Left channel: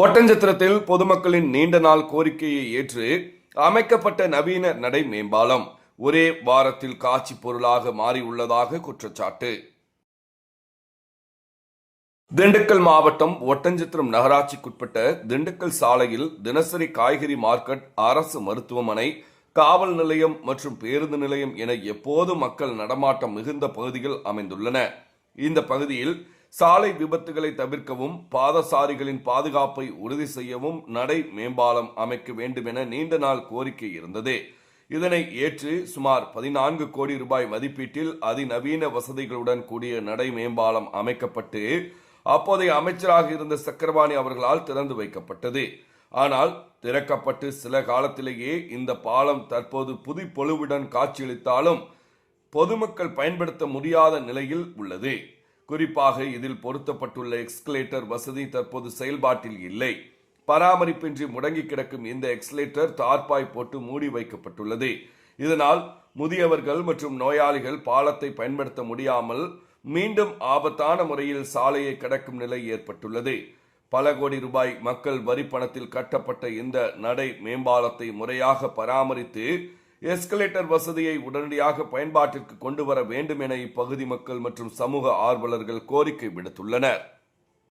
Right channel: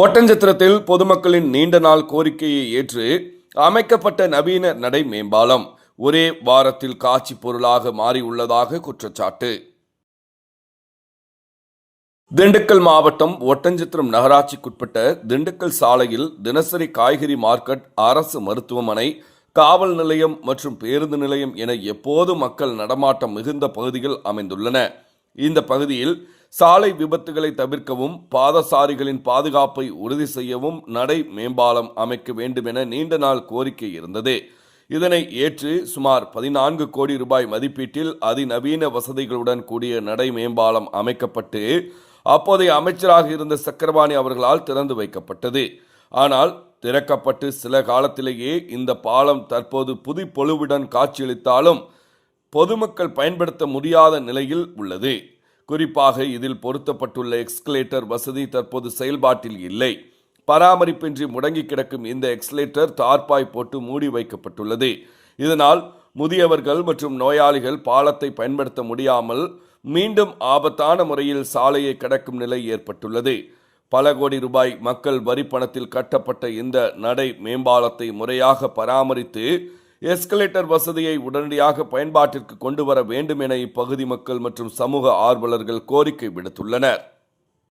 ஒட்டன்சத்திரத்தில் பொதுமக்களின் நீண்ட நாள் கோரிக்கையை ஏற்று அமைக்கப்பட்ட நவீன நடை மேம்பாலம் ஒரே வாரத்தில் காட்சி பொருளாக மாறியுள்ளதாக குற்றச்சாட்டு. திண்டுக்கல் மாவட்டம் ஒட்டன்சத்திரம் நகராட்சிக்குட்பட்ட திண்டுக்கல் சாலையில் தினசரி காய்கறி மார்க்கெட், அரசு மருத்துவமனை, காவல் நிலையம் மற்றும் பேருந்து நிலையம் என எப்போது மக்கள் நடமாட்டம் மிகுந்த பகுதிகள் அமைந்துள்ளன. இந்த பகுதியில் சாலை விபத்துகளை தவிர்க்கவும் பாதசாரிகளின் பாதுகாப்பை உறுதி செய்யவும் நடை மேம்பாலம் அமைக்க வேண்டும் என நீண்ட நாள் கோரிக்கை இருந்தது. இதனை ஏற்று சுமார் 14 கோடி ரூபாய் மதிப்பீட்டில் அதிநவீன வசதிகளுடன் கூடிய நடை மேம்பாலம் அமைக்கப்பட்டு அப்போதைய அமைச்சராக இருந்த சக்கரபாணி அவர்களால் திறந்து வைக்கப்பட்டது. ஆனால் திறக்கப்பட்டு சில காலத்திலேயே இந்த பாலம் தற்போது புதுப்பொலிவுடன் காட்சியளித்தாலும் பொதுமக்கள் பயன்படுத்த முடியாத நிலையில் உள்ளது. குறிப்பாக இதில் பொருத்தப்பட்டுள்ள எக்ஸ்கலேட்டர் வசதி தற்போது செயல்பாட்டில் இல்லை. பராமரிப்பின்றி முடங்கி கிடக்கும் இந்த எக்ஸ்கலேட்டர் தார்பாய் போட்டு மூடி வைக்கப்பட்டுள்ளது. இதனால் முதியவர்கள் மற்றும் நோயாளிகள் பாலத்தை பயன்படுத்த முடியாமல் மீண்டும் ஆபத்தான முறையில் சாலையை கடக்கும் நிலை ஏற்பட்டுள்ளது. பல கோடி ரூபாய் மக்கள் வரி பணத்தில் கட்டப்பட்ட இந்த நடை மேம்பாலத்தை முறையாக பராமரித்து எஸ்கலேட்டர் வசதியை உடனடியாக பயன்பாட்டிற்கு கொண்டு வர வேண்டும் என இப்பகுதி மக்கள் மற்றும் சமூக ஆர்வலர்கள் கோரிக்கை விடுத்துள்ளனர்.